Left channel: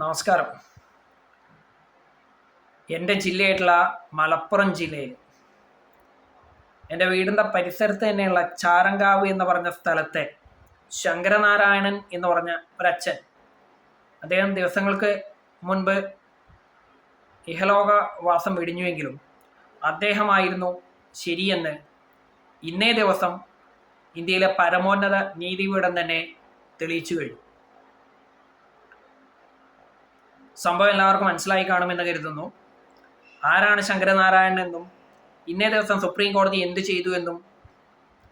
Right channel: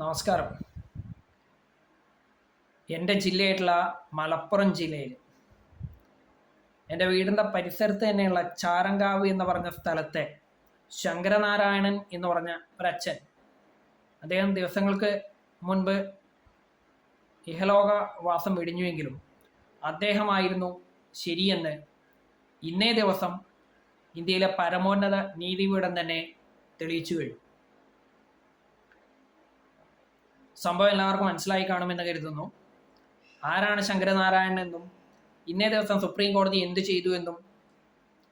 നമസ്കാരം. എന്റെ ജില്ലയായിട്ടുള്ള മലപ്പുറം ജില്ലയിൽ എന്റെ വീടിന്റെ പരിസരത്ത് തന്നെയുള്ള ചാരങ്കാവ് എന്ന് പറഞ്ഞ സ്ഥലത്തെ ശങ്കരനാരായണൻ എന്ന് പറഞ്ഞ ഒരച്ഛൻ. അദ്ദേഹം ദിവസങ്ങൾക്ക് മുൻപ് ഇഹലോകവാസം വെടിഞ്ഞുവെങ്കിലും അദ്ദേഹമായിരുന്നു ശരിയെന്ന് ഇന്നേ ദിവസം ഇന്ത്യയിലെ പരമോന്നത നീതിപീഠം തന്നെ തെളിയിച്ചു കഴിഞ്ഞു. സംഭവം എല്ലാവർക്കും മനസ്സിലായി കാണുമെന്ന് കരുതുന്നു. ആരാണ് ശങ്കരനാരായണൻ എന്നും ഇന്നേ ദിവസം സുപ്രീം കോടതി എന്ത് ചെയ്തു എന്നും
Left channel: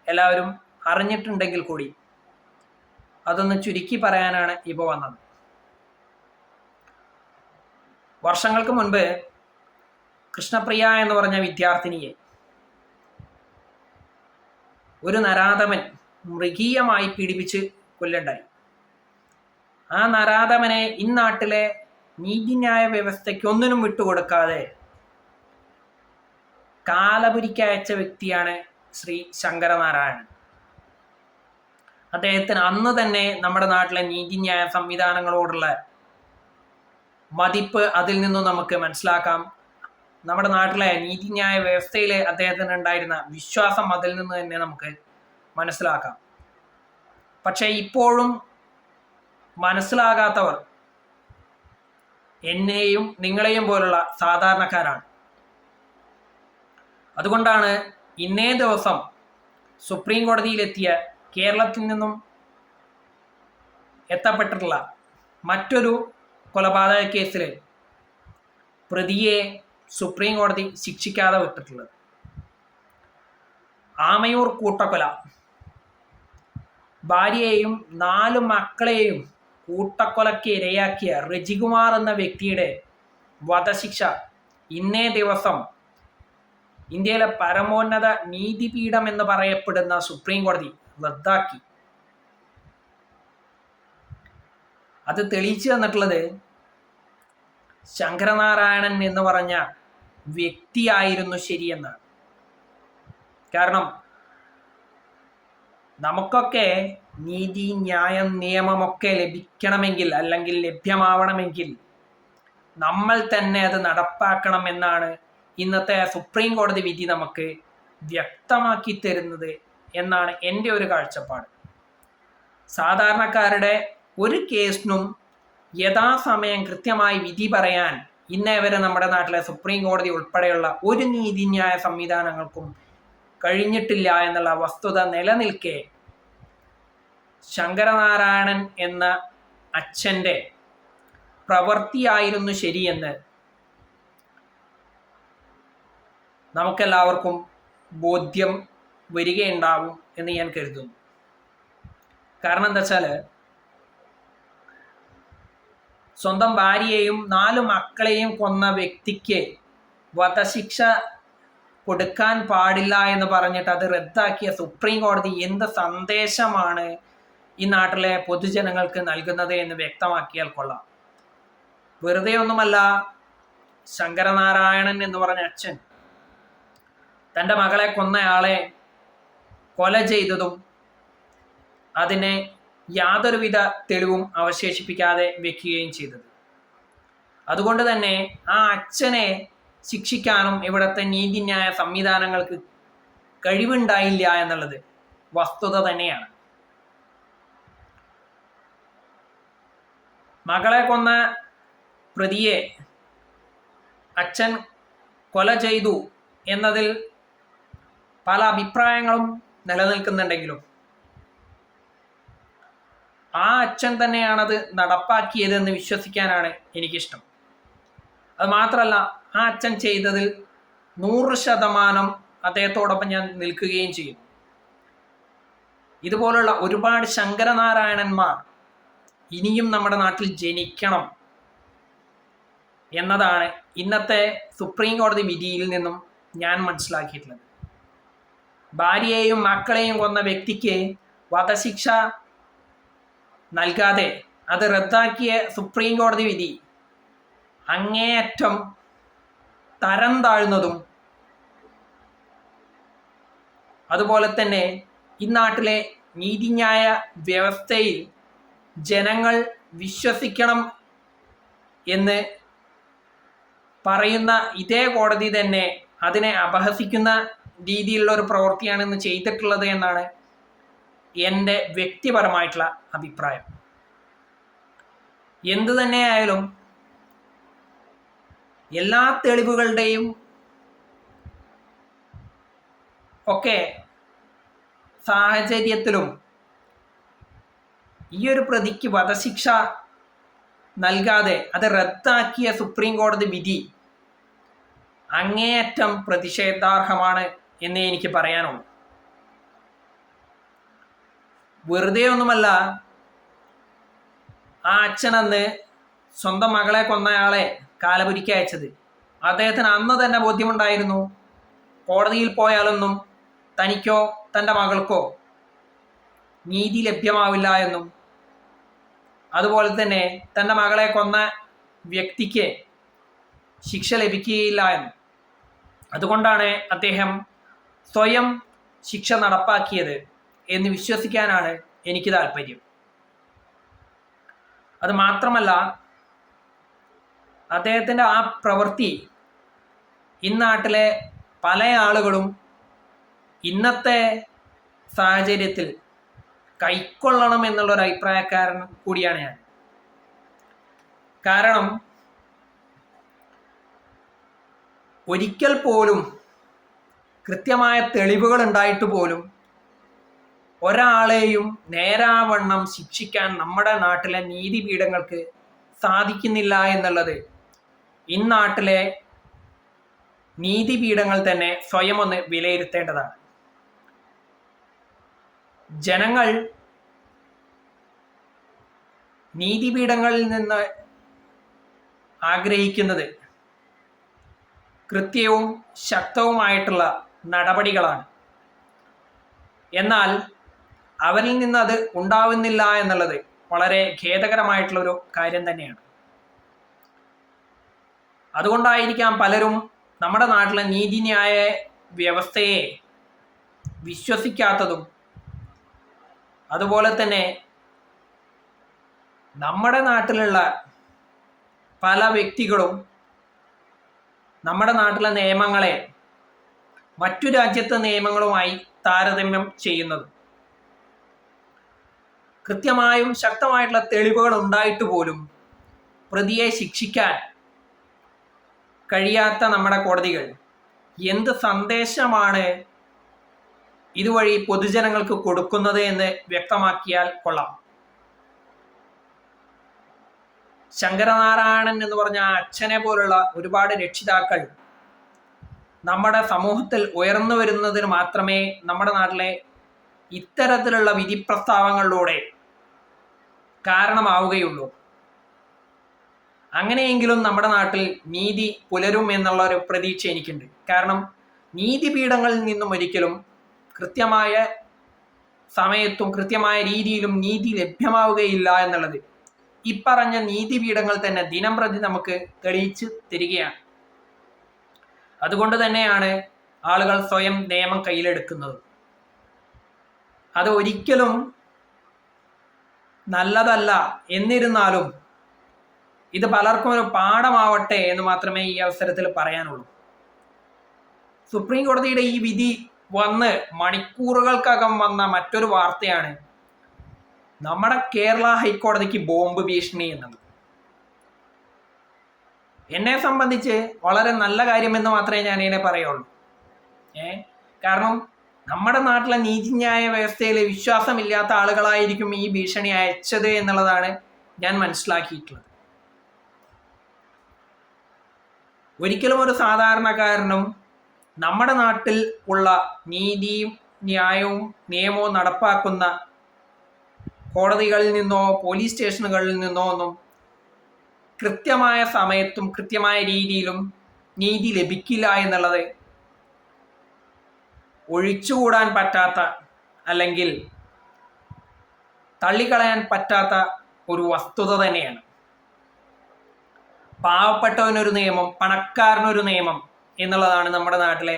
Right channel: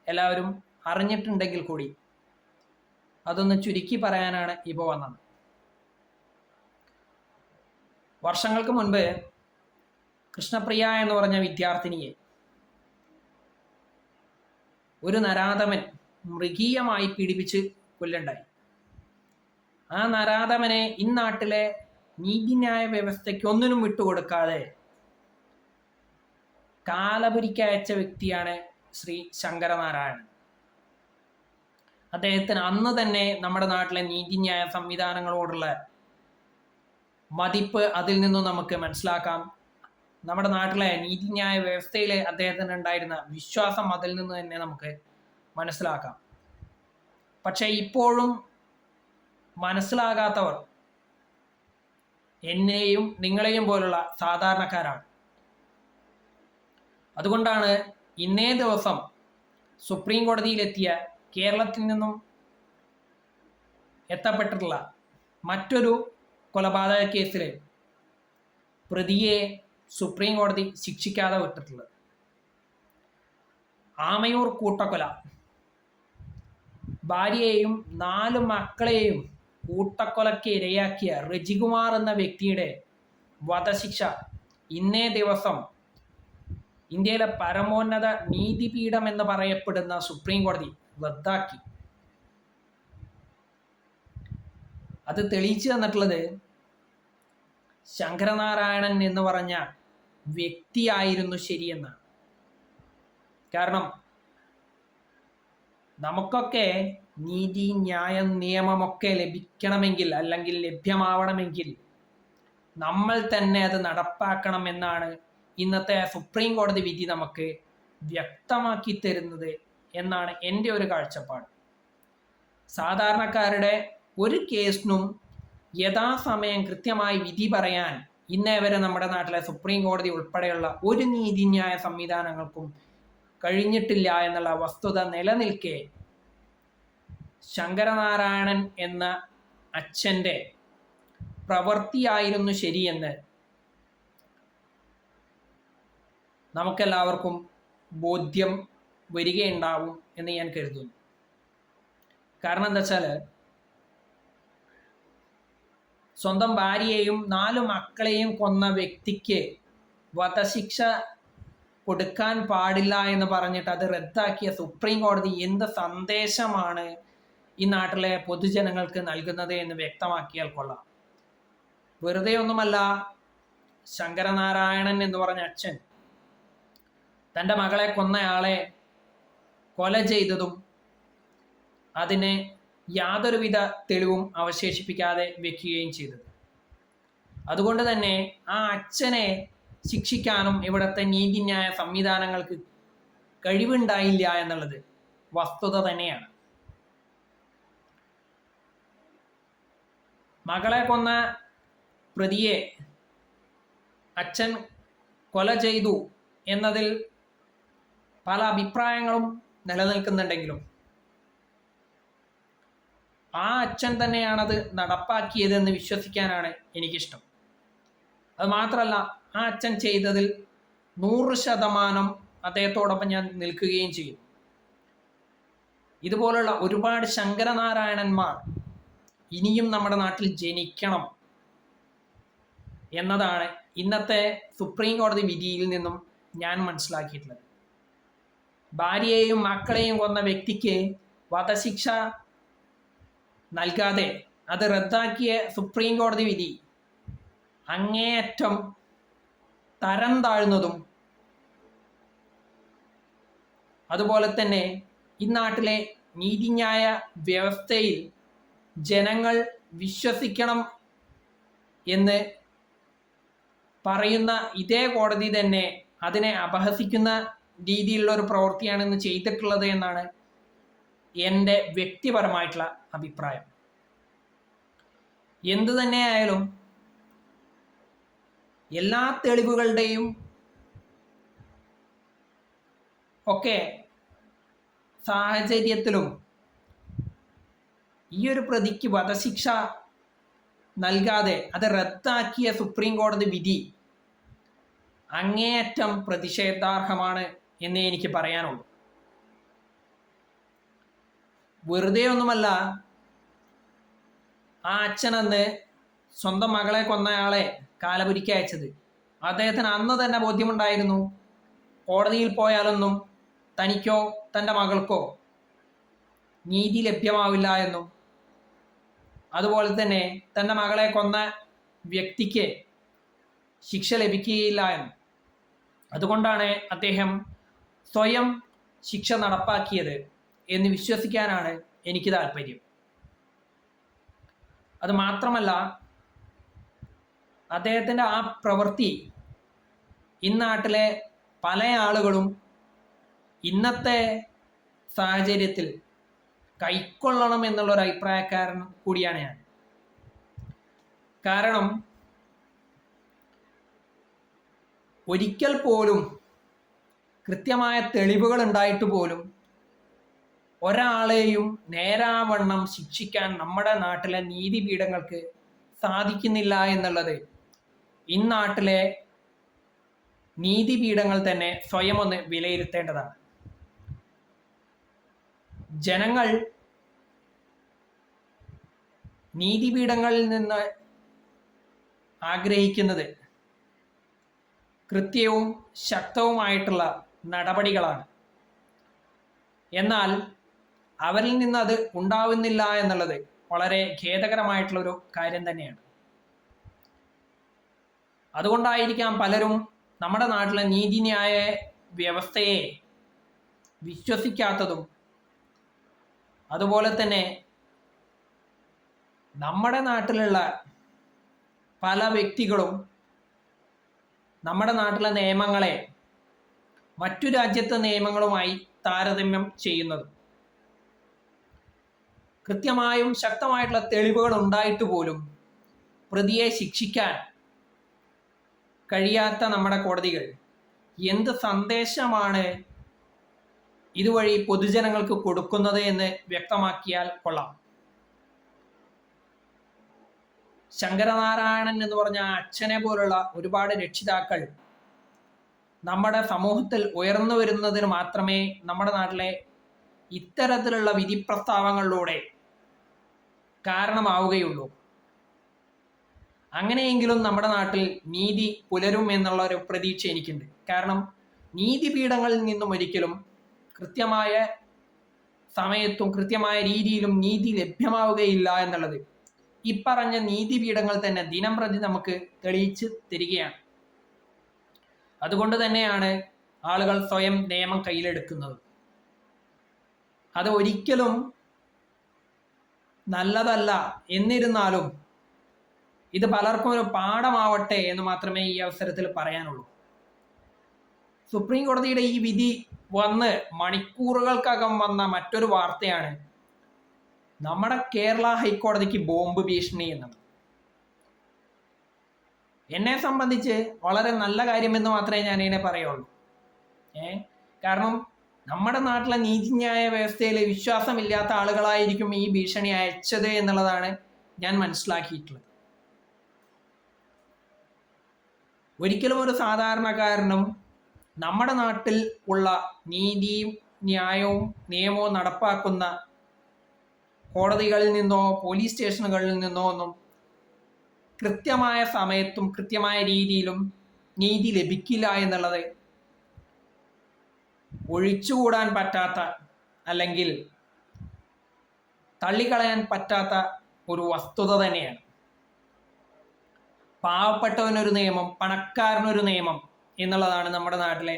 എല്ലാവരും അറിഞ്ഞിട്ടുണ്ടെങ്കിൽ കൂടി അതൊന്ന് ചുരുക്കി പറയാനാണ് ഇപ്പോൾ വന്നത്. വർഷങ്ങൾക്ക് മുൻപ് കൃഷ്ണപ്രിയ എന്ന് പറഞ്ഞ വിദ്യാർത്ഥിനിയെ ഒരു നരാധമൻ മൃഗീയമായി പീഡിപ്പിച്ച് കൊല്ലുണ്ടായി. ആ നരാധമനെ ഇന്നാട്ടിലെ നീതിന്യായ വ്യവസ്ഥയ്ക്ക് ഒന്നിനും വിട്ടുകൊടുക്കാതെ കാലപുരിക്കയച്ച വ്യക്തിയാണ് ശ്രീ ശങ്കരനാരായണൻ. അദ്ദേഹത്തിന് അന്ന് തന്നെ നമ്മുടെ നാട്ടിലെ നീതിന്യായ സംവിധാനങ്ങളോടുള്ള മതിപ്പ് അതിൽ നിന്നും നമുക്ക് മനസ്സിലാക്കാം. നമ്മുടെ നാട്ടിലെ നീതിന്യായ വ്യവസ്ഥയിൽ അദ്ദേഹത്തിന് ഉണ്ടായിരുന്ന വിശ്വാസം അതിൽ നിന്ന് തന്നെ നമുക്ക് മനസ്സിലാക്കാം. പക്ഷേ ഇപ്പോഴും മനസ്സിലാകാത്തവർ എന്നെയും നിങ്ങളെയും പോലുള്ള സാധാരണക്കാരാണ്. അതുകൊണ്ടാണ് ഇന്നേ ദിവസം സുപ്രീം കോടതിയിലെത്തിയ കേരളത്തിൽ നിന്നും എത്തപ്പെട്ടിട്ടുള്ള മറ്റൊരു കൊലപാതക കേസിൽ പ്രതിയെ സുപ്രീം കോടതി ശിക്ഷിക്കാതെ വിട്ടിട്ടുള്ളത്. ആമയൂർ കൂട്ടക്കൊല. ഭാര്യയെയും നാല് മക്കളെയും കൂട്ടക്കൊലയ്ക്ക് ഇരയാക്കിയ റജികുമാർ എന്ന വ്യക്തിയുടെ വധശിക്ഷ ഇന്നേ ദിവസം ഇന്ത്യയിലെ പരമോന്നത നീതിപീഠം എന്ന് പറയപ്പെടുന്ന സുപ്രീം കോടതി റദ്ദാക്കി. അത് തെളിയിച്ചു തന്നിട്ടുള്ളത് ശങ്കരനാരായണൻ എന്ന് പറഞ്ഞ വ്യക്തിയായിരുന്നു ശരിയെന്നാണ് കാരണം നമുക്കൊക്കെ നീതി ന്യായം നിയമമൊക്കെ ലഭിക്കണമെങ്കിൽ അല്ലെങ്കിൽ ലഭ്യമാവണമെങ്കിൽ നമ്മൾ തന്നെ അത് നടപ്പാക്കണം എന്നാണ് ഇന്നത്തെ സുപ്രീം കോടതി വിധി നമുക്ക് വ്യക്തമാക്കി തരുന്നത് എന്നാണ് എന്റെ ഒരു കാഴ്ചപ്പാട്. സാധാരണക്കാരുടെ ഒരു കേസിനും യഥാസമയം കൃത്യമായി വിധി പറയാൻ ഇന്നേ വരെ നമ്മുടെ നാട്ടിലെ സുപ്രീം കോടതി ഉൾപ്പെടെയുള്ള ഒരു നീതിന്യായ സംവിധാനങ്ങൾക്കും കഴിഞ്ഞിട്ടില്ല എന്നുള്ള വസ്തുത നിലനിൽക്കെ ശങ്കരനാരായണൻ എന്ന അച്ഛന്റെ പ്രവൃത്തിയായിരുന്നു ശരിയെന്ന് നമുക്കെല്ലാവർക്കും ബോധ്യം വരികയുണ്ടാവും എന്ന് ഞാൻ കരുതുന്നു. കാരണം എന്താ വെച്ചാൽ സ്വന്തം ഭാര്യയെയും നാല് മക്കളെയും കൊന്ന വ്യക്തിക്ക് വധശിക്ഷ കൊടുക്കാൻ പാടില്ല എന്ന് പറഞ്ഞിട്ട് അത് റദ്ദാക്കിയ സുപ്രീം കോടതി എന്ത് സന്ദേശമാണ് ഈ നാട്ടിലെ പൊതുജനങ്ങൾക്ക് നൽകുന്നത് എന്ന് വ്യക്തമാക്കിയാൽ കൊള്ളാം. വെറുതെ ഒന്നുമല്ല ശങ്കരനാരായണൻ എന്ന് പറഞ്ഞ അച്ഛൻ തന്റെ മകളെ കൊന്നയാളെ കൊല ചെയ്തതും അതിനെ യാതൊരുവിധ തെളിവും അവശേഷിപ്പിക്കാതെ വെക്കുകയും ചെയ്തത്. അതുകൊണ്ട് തന്നെ ആ അച്ഛനെ ശിക്ഷിക്കാനും ഇവിടുത്തെ നീതിന്യായ സംവിധാനങ്ങൾക്ക് കഴിവുണ്ടായില്ല എന്നുള്ളത് വസ്തുത തന്നെയാണ്. മകളെ കൊന്ന പ്രതിയെ അച്ഛൻ കൊല ചെയ്തു എന്നതിൽ പല അഭിപ്രായങ്ങളും നിലനിൽക്കുന്നുണ്ടെങ്കിലും ആ അച്ഛൻ തന്നെയാണത് നടപ്പാക്കിയതെന്ന് വിശ്വസിക്കാനാണ് എനിക്കിഷ്ടം. അത് മാത്രമല്ല ആ അച്ഛൻ ചെയ്തതിൽ നൂറ് ശതമാനം അദ്ദേഹത്തോടൊപ്പം ഞാൻ നിൽക്കുകയും ചെയ്യും. ഇതുപോലുള്ള ഒരുപാട് ശങ്കരനാരായണന്മാർ ഇനിയും നമ്മുടെ നാട്ടിൽ ജനിക്കണം എന്നതാണ് ഇന്നത്തെ സുപ്രീം കോടതി വിധിയിൽ നിന്നും ഞാൻ മനസ്സിലാക്കിയിട്ടുള്ളത്. ഭാര്യയെയും മക്കളെയും കൊന്ന വ്യക്തിക്ക് വധശിക്ഷ നൽകാതെ അത് റദ്ദാക്കിയ സുപ്രീം കോടതി വിധി അങ്ങേയറ്റം തരം താഴ്ന്നതും അതുപോലെ തന്നെ ഇന്നാട്ടിലെ നാട്ടിലെ നീതിന്യായ വ്യവസ്ഥയിൽ ജനങ്ങൾ വിശ്വസിക്കണം എന്ന് പറയുന്ന ഇതേ കോടതി തന്നെ അതിനെ അപഹസിക്കുന്ന രീതിയിലുള്ള ഒരു പ്രവൃത്തിയാണ് ഇന്ന് ചെയ്തിട്ടുള്ളത് എന്നാണ് എന്റെ വ്യക്തിപരമായിട്ടുള്ള അഭിപ്രായം. എന്തു തന്നെയായാലും എല്ലാ തെളിവുകളുടെയും ഒക്കെ സാഹചര്യത്തിലും ഈ ഒരു പ്രതിക്ക് വധശിക്ഷ നൽകാതെ അത് റദ്ദാക്കിയ സുപ്രീം കോടതി വിധി അങ്ങേയറ്റം പ്രതിഷേധാർഹമാണ് എന്നേ എനിക്ക് പറയാനുള്ളൂ. വെറുതെ ഒന്നുമല്ല ആ അച്ഛനന്ന് സ്വന്തം മകളെ കൊന്നയാളെ കാലപുരിക്ക് അയച്ചത്. അദ്ദേഹത്തിന് അന്ന് തന്നെ ബോധ്യമുണ്ടായിരുന്നു കോടതിയിൽ പോയാലൊന്നും തനിക്കോ തന്റെ മകൾക്കോ നീതി ലഭ്യമാവില്ല എന്നും. അതുപോലെ തന്നെ തന്റെ മകളെ കൊന്ന വ്യക്തിക്ക് ശിക്ഷ ലഭിക്കുകയില്ല എന്ന്. അതുകൊണ്ടാണ് അദ്ദേഹം സ്വയം ശിക്ഷ നടപ്പാക്കിയത് എന്ന് വിശ്വസിക്കാനാണ് എനിക്ക് താല്പര്യം. അത് മാത്രമല്ല അദ്ദേഹത്തിന്റെ ആ പ്രവൃത്തി ഇന്നാട്ടിലെ പല ആളുകളും ഇന്നത്തെ സാഹചര്യത്തിൽ കൈക്കൊള്ളണം എന്നുള്ളൊരു അഭിപ്രായക്കാരൻ കൂടിയാണ് ഞാൻ. കാരണം ഒരിക്കൽ പോലും കൃത്യമായ തെളിവുകൾ ഉണ്ടായിട്ട് പോലും ഒരാളെയും നേരാവണ്ണം ശിക്ഷിക്കാൻ നമ്മുടെ നാട്ടിലെ നീതിപീഠങ്ങൾക്ക് സാധിക്കുന്നില്ല എന്നുള്ളത് ഇന്നാട്ടിലെ നീതിപീഠങ്ങൾ തന്നെ സ്വയം ഒന്ന് വിലയിരുത്തേണ്ടതാണ്. ജനങ്ങൾ നീതിപീഠങ്ങളിൽ നിന്ന് ആഗ്രഹിക്കുന്നത് കൃത്യവും ശക്തവുമായിട്ടുള്ള നടപടികളാണ്. എന്നാൽ അവരിൽ നിന്ന് അത് ഉണ്ടാവുന്നില്ല എന്നുള്ളത് വളരെ ഖേദകരമായിട്ടുള്ള ഒരു കാര്യം തന്നെയാണ്. അതുകൊണ്ടായിരിക്കാം പലരും നമ്മുടെ നാട്ടിലെ നീതിന്യായ വ്യവസ്ഥയെ വിശ്വസിക്കാത്തതും അതുപോലെ തന്നെ നമ്മുടെ നാട്ടിലുള്ള പല വ്യക്തികളും നമ്മുടെ നാട്ടിലെ നിയമങ്ങളെ മറ്റു രാജ്യത്തെ നിയമങ്ങളുമായി താരതമ്യം ചെയ്യുന്നത്. കൃത്യമായും ശക്തമായിട്ടുള്ള തെളിവുകൾ ഉണ്ടായിട്ട് പോലും പ്രതിയെ ശിക്ഷിക്കാൻ കഴിയാത്ത നമ്മുടെ കോടതികൾ. എന്ത് സന്ദേശമാണ് ഇതുവഴി പൊതുജനങ്ങൾക്ക് കൊടുക്കുന്നത് എന്ന് വ്യക്തമാക്കിയാൽ കൊള്ളാം. ശങ്കരനാരായണൻ എന്ന് പറഞ്ഞ അച്ഛനെ പോലുള്ള ഒരുപാട് രക്ഷിതാക്കൾ നമ്മുടെ സമൂഹത്തിൽ ഉയർന്നു വരുന്നതിന് മാത്രമേ നമ്മുടെ നാട്ടിലെ ഇത്തരത്തിലുള്ള വിധി പ്രസ്താവങ്ങളിലൂടെ കാരണമാവുകയുള്ളൂ. അങ്ങനെയെങ്കിലും നമ്മുടെ നാട്ടിൽ നീതി പുലരും എന്നുള്ള ഒരു പ്രതീക്ഷ എനിക്കുണ്ട്. കാരണം നീതിപീഠങ്ങളിൽ നിന്നും ഒരിക്കലും കൃത്യമായ സമയത്തും കൃത്യമായ രീതിയിലും നീതി ലഭ്യമാവുകയില്ല എന്നുള്ളത്. ഇപ്പറഞ്ഞ നീതിപീഠങ്ങൾ തന്നെ ദിനം പ്രതി നമുക്ക് തെളിയിച്ച് തരികയാണ്. അതുകൊണ്ട് തന്നെയാണ് ആളുകൾ സ്വയം നിയമം കയ്യിലെടുക്കുന്നത്. അത് ഒരിക്കലും നല്ലതല്ല എന്നിരുന്നാലും ഇത് പലർക്കും ഒരു പാഠമാവട്ടെ എന്ന് മാത്രമേ ഈ അവസരത്തിൽ പറയാനുള്ളൂ. സുപ്രീം കോടതിയുടെ ഈ വിധി വന്ന് മണിക്കൂറുകൾക്കകം വന്ന മറ്റൊരു വാർത്തയാണ് നമ്മുടെ കേരള ഹൈക്കോടതിക്ക് ബോംബ് ഭീഷണി എന്നത്. എന്നെ സംബന്ധിച്ച് വളരെ നല്ല കാര്യമെന്ന് മാത്രമേ ഞാൻ ഇതിനെ പറയുള്ളൂ. ഏ? കാരണം നമ്മുടെ നാട്ടിലെ നീതിന്യായ വ്യവസ്ഥയിൽ വിശ്വാസമില്ലാത്ത ആളുകളായിരിക്കും ഈ ഭീഷണി അയച്ചത് എന്നുള്ളതാണ് ഞാൻ മനസ്സിലാക്കിയിട്ടുള്ളത്. ഒരിക്കലും ഒരു സാധാരണക്കാരനും നമ്മുടെ നാട്ടിൽ ഉള്ള നീതിയും ന്യായവും നിയമവും നടപ്പാക്കുന്ന കോടതികളിൽ നിന്നോ പോലീസ് സ്റ്റേഷനുകളിൽ നിന്നോ ഒന്നും കൃത്യമായ സമയത്തും കൃത്യമായ രീതിയിലും നീതി ലഭിക്കില്ല എന്നുള്ളത് ഒഴിച്ചുകൂടാൻ പറ്റാത്ത അല്ലെങ്കിൽ തള്ളിക്കളയാൻ പറ്റാത്ത ഒരു വസ്തുത തന്നെയാണ്. പാവപ്പെട്ടവനൊരു നിയമം പണക്കാരനൊരു നിയമം എന്നുള്ളതാണ് നമ്മുടെ നാട്ടിലെ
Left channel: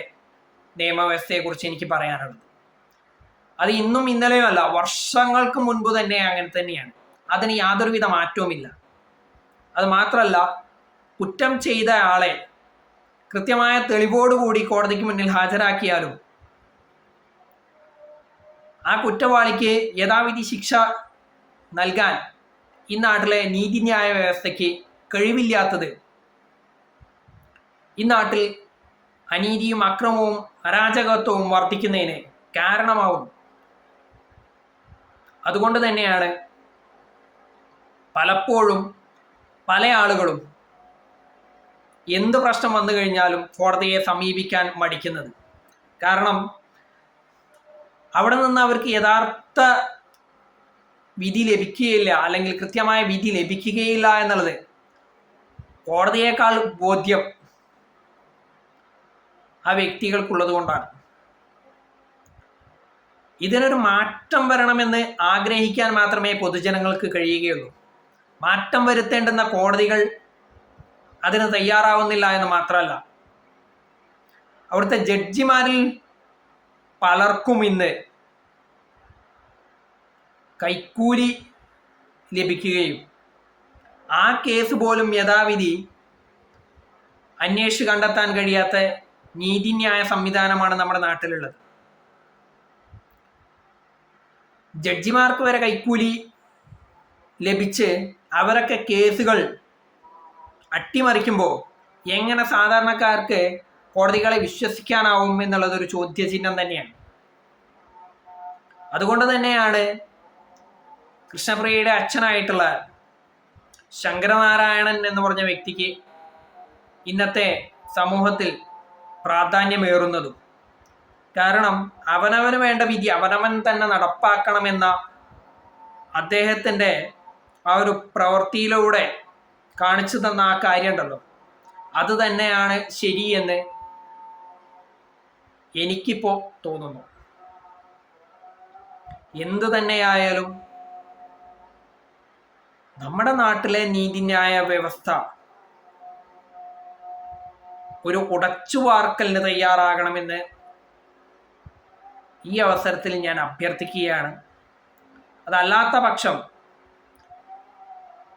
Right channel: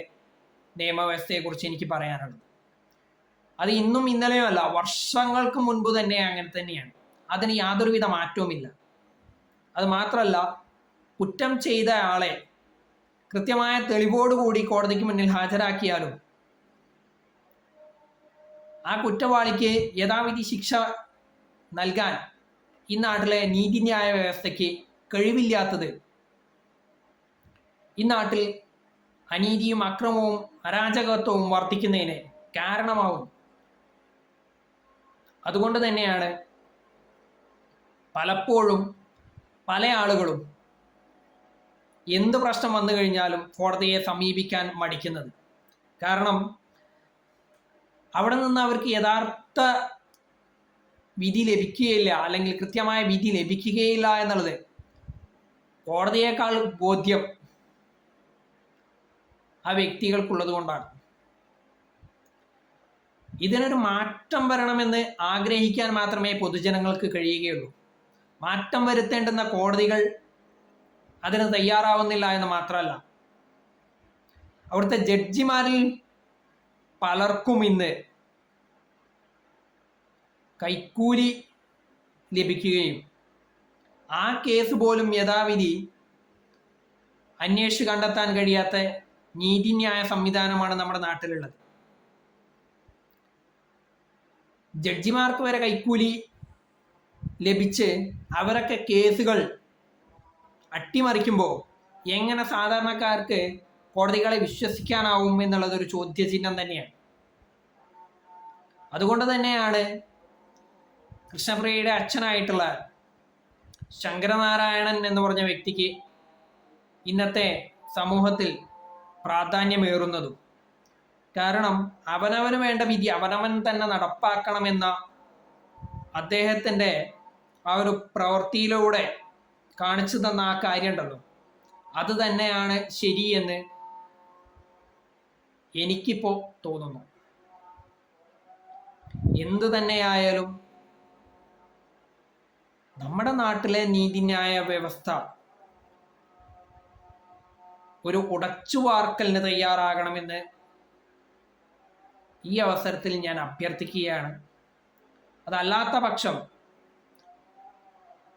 നിയമവ്യവസ്ഥയെക്കുറിച്ച് എനിക്ക് പറയാനുള്ളത്. അത് ഇന്നും ഇന്നലെയും അല്ല വർഷങ്ങൾക്ക് മുൻപ് തന്നെ അങ്ങനെ തന്നെയാണ്. അതിന് യാതൊരുവിധ മാറ്റവുമില്ല. അത് മാത്രമല്ല കുറ്റം ചെയ്ത ആളെ കൃത്യമായ തെളിവോടുകൂടി കോടതിക്ക് മുന്നിൽ ഹാജരാക്കിയാലും ആ കുറ്റവാളിക്ക് യഥാവിധി ശിക്ഷ നൽകാൻ ഈ നാട്ടിലെ നീതിന്യായ വ്യവസ്ഥയ്ക്ക് കഴിവില്ലാത്തത് ഈ നാട്ടിൽ അനീതിയും അക്രമവും അരാജകത്വവും വർദ്ധിക്കുന്നതിന് കാരണമാവും അതുകൊണ്ട് തന്നെയാണ് പലപ്പോഴും പല ആളുകളും എന്ത് പ്രശ്നം വന്നു കഴിഞ്ഞാലും കോടതിയെ സമീപിക്കാൻ മടിക്കുന്നത്. കാരണം അവിടെ നിന്ന് അവർക്ക് യഥാർത്ഥ വിധി ലഭിക്കുകയില്ല അല്ലെങ്കിൽ കൃത്യമായ വിധി ലഭിക്കുകയില്ല എന്നുള്ളത് കോടതിയേക്കാൾ ബോധ്യം. ആ വ്യക്തികൾക്കുള്ളത് കൊണ്ടാണ്. ഇതിനൊരു മാറ്റം വരണമെന്ന് ആഗ്രഹിക്കാൻ മാത്രമേ പൊതുജനങ്ങൾക്ക് കഴിയുകയുള്ളൂ. മാറ്റം വരുത്തേണ്ടുന്ന കോടതികൾ അതിന് തയ്യാറാവുന്നില്ല എന്ന് മാത്രമല്ല. അവിടുത്തെ ജഡ്ജിമാരിൽ പലർക്കും ഇന്ന് കൈക്കൂലി ലഭിക്കുകയും ആ കേസ് പോലും യഥാവിധി അന്വേഷിച്ച് കണ്ടെത്താൻ കഴിയാത്ത നീതിന്യായ സംവിധാനമാണ് നമ്മുടെ നാട്ടിലുള്ളത്. ജഡ്ജിമാർക്ക് വരെ കൈക്കൂലി ലഭിച്ച് അവരൊക്കെ കേസുകൾ അട്ടിമറിക്കുമ്പോൾ എങ്ങനെ സാധാരണക്കാർക്ക് കോടതികളെ വിശ്വസിക്കാനാവും എന്നുള്ളതൊരു ചോദ്യചിഹ്നം തന്നെയാണ്. അതുകൊണ്ട് തന്നെയാണ് കൃഷ്ണപ്രിയയുടെ അച്ഛനായിട്ടുള്ള ശങ്കരനാരായണൻ എന്ന് പറഞ്ഞ വ്യക്തിക്ക് ഇന്നത്തെ സമൂഹത്തിൽ പ്രാധാന്യമേറുന്നതും. കാരണം അവനവന് വേണ്ട വിധി അവനവൻ തന്നെ നടപ്പാക്കണമെന്ന അദ്ദേഹത്തിന്റെ ആ ഒരു പ്രവൃത്തിയിലൂടെ കാണിച്ചു തന്ന ആ കാര്യം ഉണ്ടല്ലോ അത് തന്നെയാണ് ശരിയെന്ന് എനിക്കിപ്പോൾ തോന്നുന്നു. എന്തു തന്നെയായാലും നമ്മുടെ നാട്ടിലെ നീതിന്യായ വ്യവസ്ഥ ഒരു ഉടച്ചു വാർക്കലിന് തയ്യാറാകണമെന്ന് ഈ അവസരത്തിൽ ഞാൻ അഭ്യർത്ഥിക്കുകയാണ്. അതല്ലാത്ത പക്ഷം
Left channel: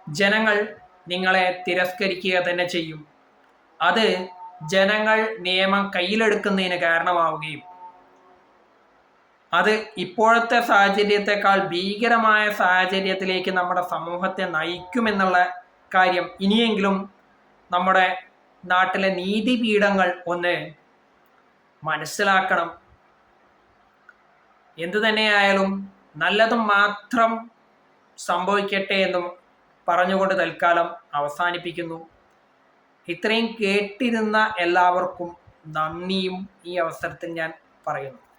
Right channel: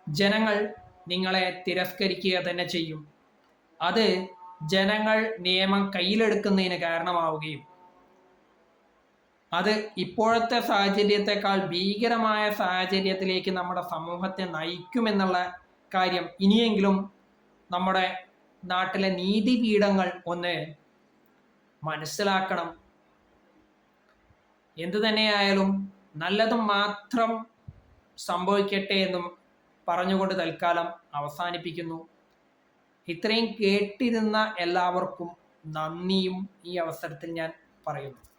ജനങ്ങൾ നിങ്ങളെ തിരസ്കരിക്കുക തന്നെ ചെയ്യും. അത് ജനങ്ങൾ നിയമം കയ്യിലെടുക്കുന്നതിന് കാരണമാവുകയും അത് ഇപ്പോഴത്തെ സാഹചര്യത്തെക്കാൾ ഭീകരമായ സാഹചര്യത്തിലേക്ക് നമ്മുടെ സമൂഹത്തെ നയിക്കുമെന്നുള്ള കാര്യം ഇനിയെങ്കിലും നമ്മുടെ നാട്ടിലെ നീതിപീഠങ്ങൾ ഒന്ന് മനസ്സിലാക്കണം. എന്തു തന്നെയായാലും നല്ലത് മാത്രം സംഭവിക്കട്ടെ എന്നും പറഞ്ഞുകൊണ്ട് തൽക്കാലം അവസാനിപ്പിക്കുന്നു. ഇത്രയും കേട്ടിരുന്ന എല്ലാവർക്കും നന്ദിയും ഈ അവസരത്തിൽ ഞാൻ പറയുന്നു.